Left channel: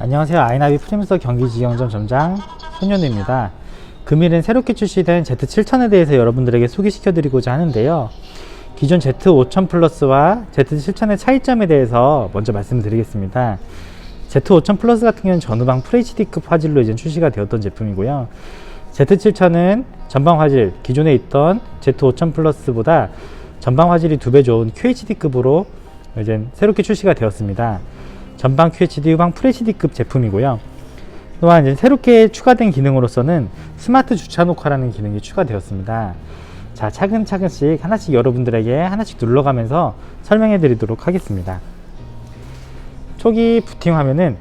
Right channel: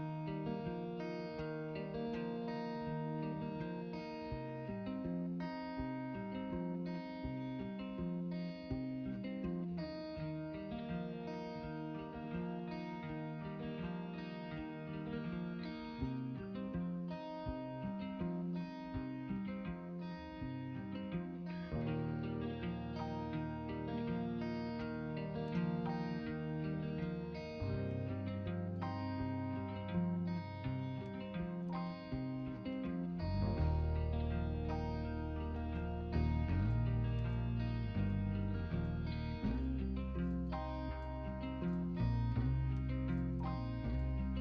안녕하세요. 아이나비 프리미서 경기지경점 점장 손현우입니다. 금일은 새롭게 출시된 Z7000에 대해서 여러분들에게 소개시켜 드리고자 하는데요. 기존 Z5000 플러스와 Z7000의 차이점에 대해서 먼저 말씀드리겠습니다. Z5000 플러스 같은 경우는 전후방 FHD급 화질로 이제 출시가 되었던 제품이고요. Z7000은 전방 화질, 기존에 있던 Z5000 플러스보다 전방 화질이 2배 좋은 QHD급으로 이제 새롭게 출시가 되었습니다. 전방 QHD, 후방 FHD급 제품이고요. 또한 이제 새롭게 추가된 기능으로서는 스마트 주차 녹화라는 기능이 추가되었습니다. 자, 차근차근씩 하나씩 여러분들에게 하나씩 눌러가면서 설명해 드리도록 하겠습니다. 초기 부팅 화면은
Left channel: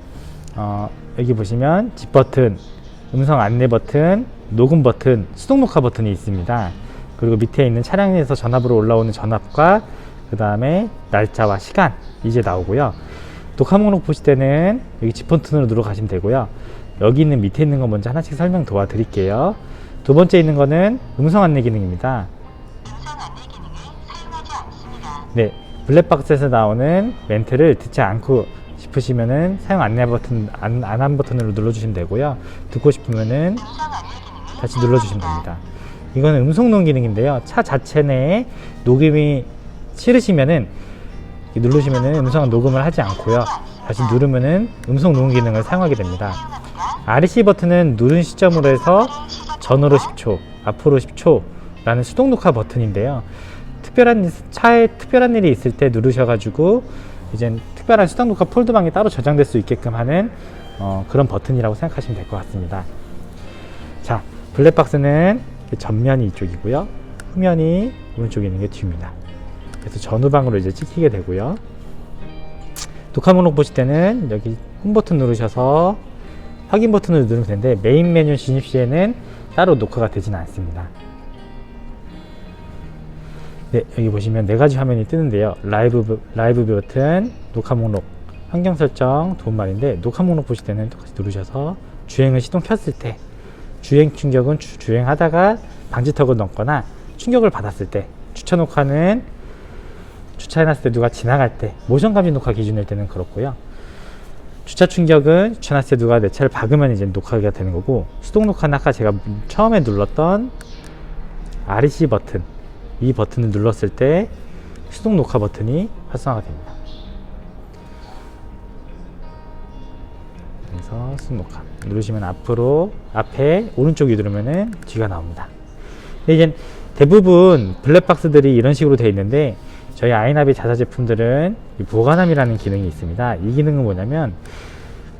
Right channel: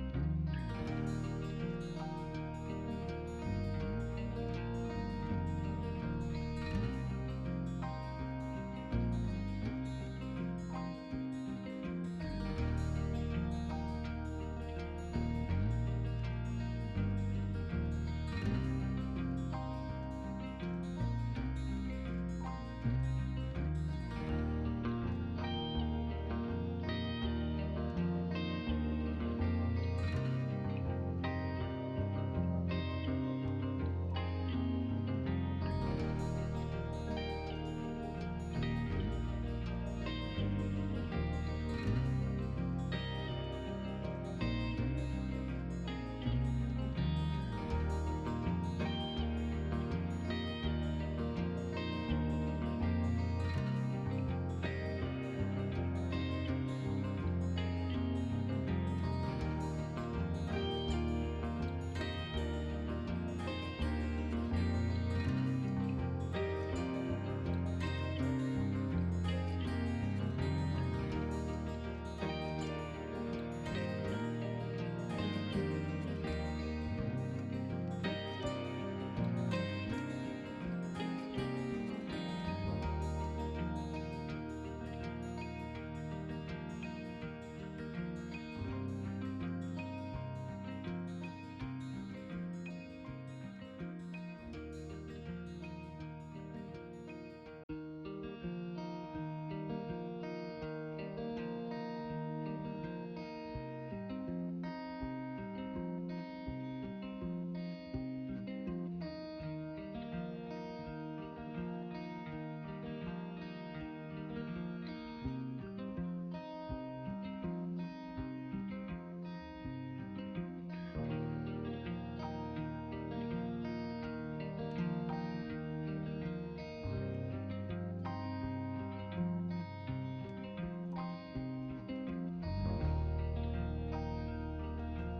여기 보시면 집 버튼, 음성 안내 버튼, 녹음 버튼, 수동 녹화 버튼이 있습니다. 그리고 밑에 있는 차량에서 전압으로 올라오는 전압과 그 다음에 날짜와 시간 이제 나오고요. 녹화 목록 보실 때는 여기 집 버튼으로 누르 가시면 되고요. 여기 있는 밑에 있는 거 먼저 하나씩 설명 도와드릴게요. 두 번째 있는 거는 음성 안내 기능입니다. 네, 블랙박스에서 나오는 멘트를 듣지 않고 싶으시면은 사용 안내 버튼, 안한 버튼으로 눌러주시면 되고요. 듣고 싶으면은 다시 눌러주시면 됩니다. 이거는 음성 녹음 기능인데요. 차 자체 내에 녹음이 싫으시면은 누르시면은 음성 녹음을 하지 않고요. 다시 누르면은 음성 녹음 기능을 사용하게 됩니다. REC 버튼은 누른 시점으로 해서 전후로 10초, 앞으로 10초 라는 수동 녹화 버튼인데요. 차에 특별한 일이 있을 때 누르셔가지고 이제 특별한 수동 녹화 폴더방에 따로 저장될 수 있게끔 하는 그런 버튼이라고 생각하시면 될 것 같습니다. 자, 블랙박스는 전면이 이쪽이고요. 후면이 오른쪽에 있는 게 뒤입니다. 그래서 전후방으로 이제 찍히게 되고요. 녹화 목록 보실 때는 여기 홈 버튼 누르셔서 확인 버튼을 누르면 되는데 메인 메뉴 진입 시에는 따로 녹화가 되지는 않습니다. 네, 여기 보시면 4가지 화면이 뜨는데요. 라이브 버튼, 녹화 목록, 환경 설정, 도움말인데 녹화 목록 보실 때는 똑같이 누르셔서 주행을 시동 켰을 때 주행 충격은 주행하다가 방지턱을 넘거나 충격을 받았을 때, 주차 녹화는 주차해놨을 때 누가 지나갈 때, 모션 감지 녹화 기준일 때는 그렇고요. 주차 충격은 주차해놨을 때 누가 내 차를 박으면 이제 녹화가 되는 거고, 수동 녹화는 아까 제가 처음에 눌렀던 REC 버튼, 이 버튼을 눌렀을 때 수동 녹화 버튼이 활성화가 됩니다. 그래서 수동 녹화 누르시면 앞에 오른쪽이 누르면은 뒤가 나옵니다. 이제 대부분 블랙박스들이 이런 식으로 되어 있는데 저희 아이나비 자사 제품들은 보관함이라는 기능이 있습니다. 이 기능은 뭐냐면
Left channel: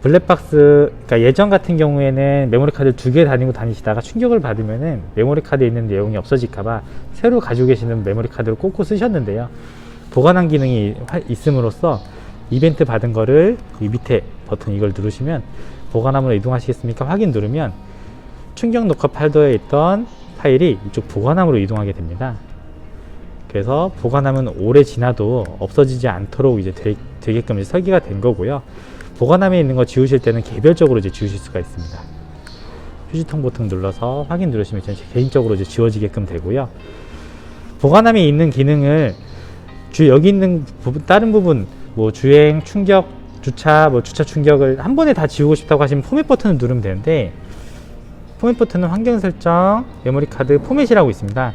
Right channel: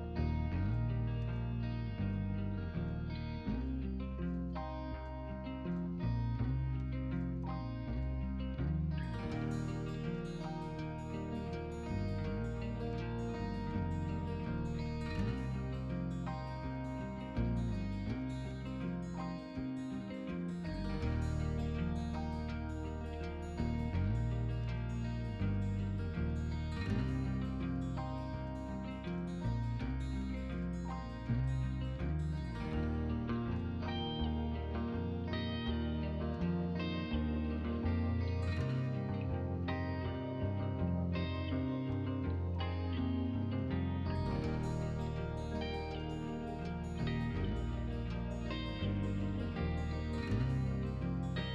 블랙박스, 그러니까 예전 같은 경우에는 메모리 카드를 2개 다니시다가 충격을 받으면은 메모리 카드에 있는 내용이 없어질까봐 새로 가지고 계시는 메모리 카드를 꽂고 쓰셨는데요. 보관함 기능이 있음으로써 이벤트 받은 거를 이 밑에 버튼 이걸 누르시면 보관함으로 이동하시겠습니까? 확인 누르면 충격 녹화 팔더에 있던 파일이 이쪽 보관함으로 이동하게 됩니다. 그래서 보관함은 오래 지나도 없어지지 않도록 이제 되게끔 이제 설계가 된 거고요. 보관함에 있는 거 지우실 때는 개별적으로 이제 지우실 수가 있습니다. 휴지통 버튼 눌러서 확인 누르시면 이제 개인적으로 이제 지워지게끔 되고요. 보관함에 있는 기능을 여기 있는 부분, 다른 부분, 뭐 주행, 충격, 주차, 주차 충격을 한 번에 다 지우고 싶다고 하시면 포맷 버튼을 누르면 되는데, 포맷 버튼은 환경 설정, 메모리 카드 포맷이라고 있습니다.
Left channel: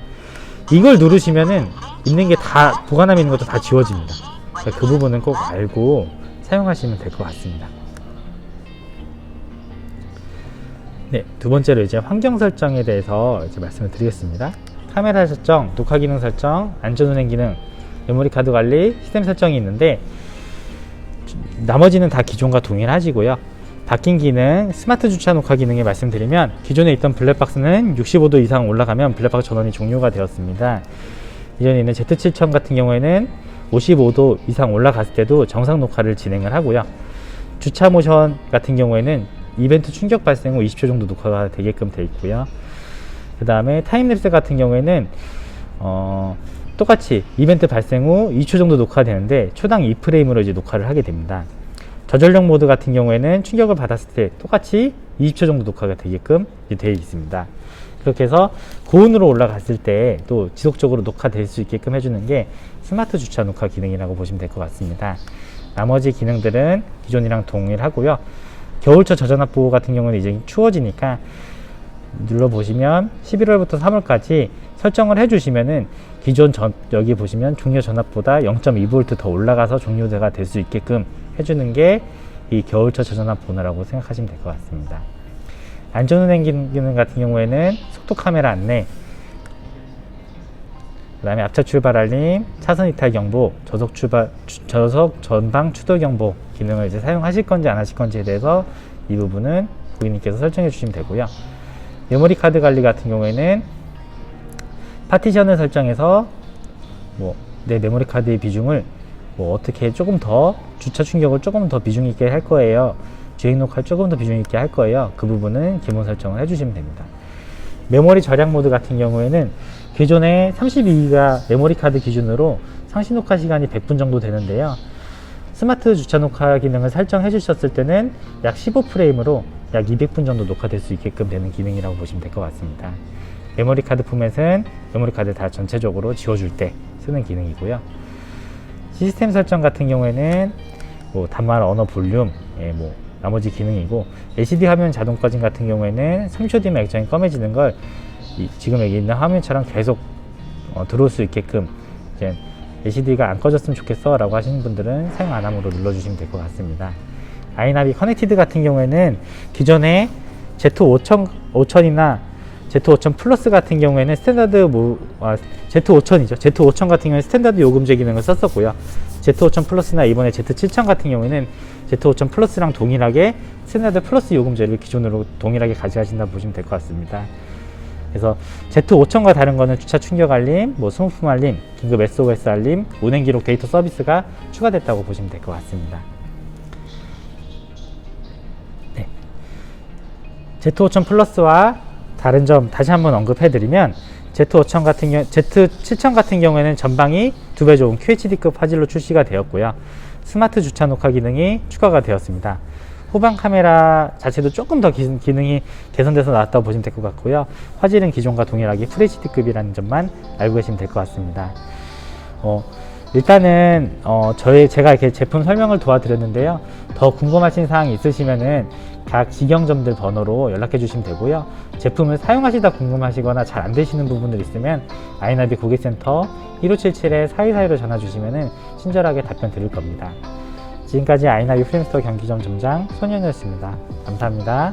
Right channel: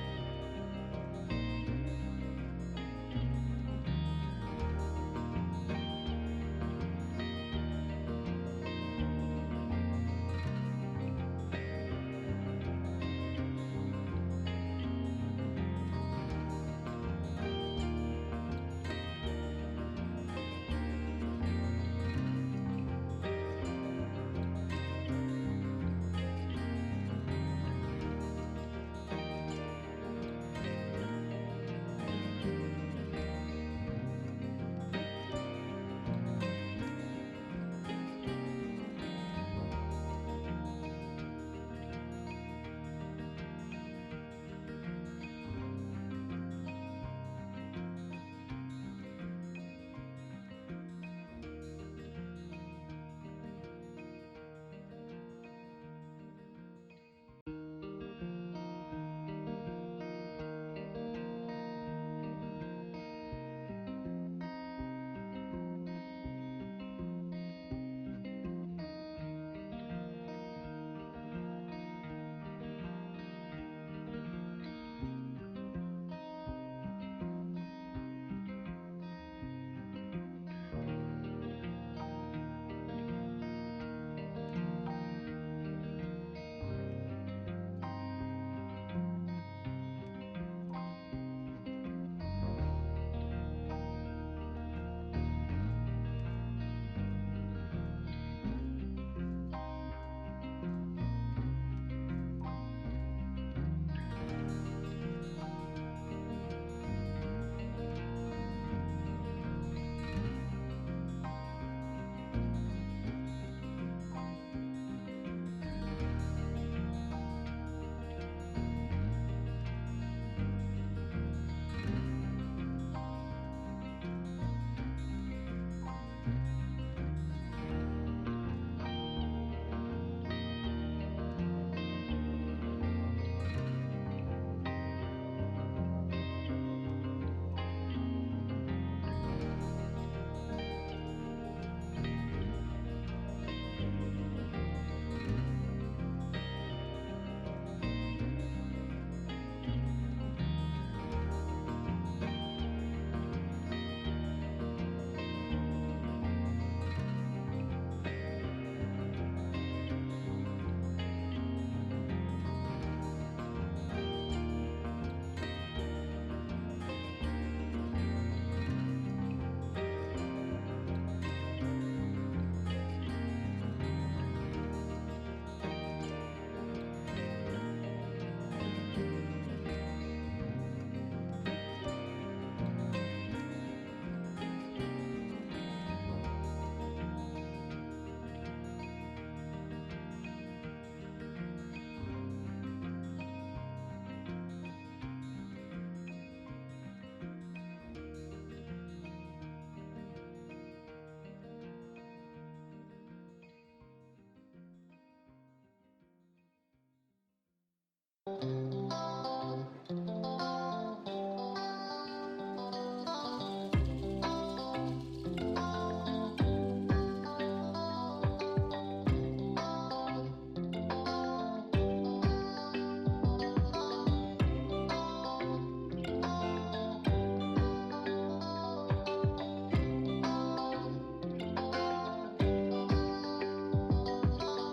이걸 누르시면은 있는 게 다, 보관함에 있는 것도 다 지워집니다. 그러니까 그 부분은 꼭 알고 사용하시면 될 것 같습니다. 네, 두 번째로 이제 환경 설정에 대해서 이제 말씀을 드리겠습니다. 카메라 설정, 녹화 기능 설정, 안전운행 기능, 메모리 카드 관리, 시스템 설정이 있는데 나머지는 다 기존과 동일하지고요. 바뀐 기능, 스마트 주차 녹화 기능에 말씀드리면 기존에 있던 블랙박스는 65도 이상 올라가면 블랙박스 전원이 종료가 되었습니다. 이전에 있는 Z7000 같은 경우에는 55도 이상 올라갔을 때도 정상 녹화를 진행을 하고요. 주차 모션 같은 경우에는 이벤트 충격 발생 후 20초 정도 녹화가 되게끔 되어 있고요. 그 다음에 타임랩스 같은 경우에는 똑같이 이벤트 발생 후 2초 정도 녹화되는데 초당 2프레임으로 이제 녹화를 하게 됩니다. 저전력 모드 같은 경우에는 충격을 받았을 때 똑같이 20초 정도 녹화가 되게끔 되어 있습니다. 그렇게 해서 고온으로 올라갔을 때 또 지속적으로 녹화될 수 있게끔 해주는 게 스마트 주차 녹화 기능이라고 보시면 될 것 같습니다. 나머지 기능들은 기존이랑 동일하고요. 겨울철 저전압 보호 같은 경우는 이제 추워지니까 눌러보시면 11월부터 3월까지 설정을 해주시면은 기존 여기 보시면 종료 전압보다 0.2V 더 올라가서 종료가 될 수 있게끔 해주는 게 이 겨울철 저전압 보호라고 생각하시면 될 것 같습니다. 안전운행 기능 같은 경우에는 속도 카메라 안내, 그 다음에 앞차 출발 알림, 차선 이탈 경보, 저속 전방 추돌 경보 기능을 이제 사용하실 건지 안 하실 건지에 대해서 이 부분은 고객님께서 설정해 주시면 되고요. 메모리 카드 관리 같은 경우에는 파티션을 설정해서 내 메모리 카드의 비중을 어떻게 조금 더 주차 충격을 조금 더 비중 있게 할 거예요. 주행 녹화를 조금 더 비중 있게 할 거예요. 그 부분은 기본 설정을 해주시면 됩니다. 메모리 절약 모드 같은 경우에는 기존에 32기가 메모리 카드 기준으로 상시 녹화 시간이 100분 정도 되는데요. 스마트 주차 녹화 기능을 설정해 주셨을 때는 약 15프레임으로 약 200분 정도 녹화될 수 있게끔 되는 기능이라고 보시면 될 것 같습니다. 메모리 카드 포맷은 메모리 카드 다 전체적으로 지워줄 때 쓰는 기능이고요. 시스템 설정 같은 경우에는 단말 언어 볼륨, 나머지 기능이고, LCD 화면 자동 꺼짐 같은 경우에는 3초 뒤면 액정이 검해지는 걸 지금 여기 있는 화면처럼 계속 들어올 수 있게끔 이제 LCD가 안 꺼졌으면 좋겠어 라고 하시는 분들은 사용 안 함으로 눌러주시면 될 것 같습니다. 아이나비 커넥티드 같은 경우에는 기존에 Z5000이나 Z5000 플러스 같은 경우에는 스탠다드 Z5000이죠. Z5000 같은 경우에는 스탠다드 요금제 기능을 썼었고요. Z5000 플러스나 이번에 Z7000 같은 경우에는 Z5000 플러스랑 동일하게 스탠다드 플러스 요금제를 기존으로 동일하게 가져가신다 보시면 될 것 같습니다. 그래서 Z5000과 다른 거는 주차 충격 알림, 소모품 알림, 긴급 SOS 알림, 운행 기록 데이터 서비스가 추가됐다고 보시면 될 것 같습니다. 네. Z5000 플러스와 다른 점 다시 한번 언급해드리면 Z7000 같은 경우에는 전방이 2배 좋은 QHD급 화질로 출시가 되었고요. 스마트 주차 녹화 기능이 추가가 되었습니다. 후방 카메라 자체도 조금 더 기능이 개선돼서 나왔다고 보시면 될 것 같고요. 화질은 기존과 동일하게 FHD급이라는 점만 알고 계시면 될 것 같습니다. 일단은 제가 이렇게 제품 설명을 도와드렸는데요. 더 궁금하신 사항이 있으시면은 각 직영점들 번호로 연락해 주시면 되고요. 제품을 사용하시다 궁금하시거나 잘 안 되시는 부분들 있으면 아이나비 고객센터 1577-4242로 전화 주시면은 친절하게 답변 드릴 겁니다. 지금까지 아이나비 프레임스토어 경기점 점장 손현우였습니다. 감사합니다.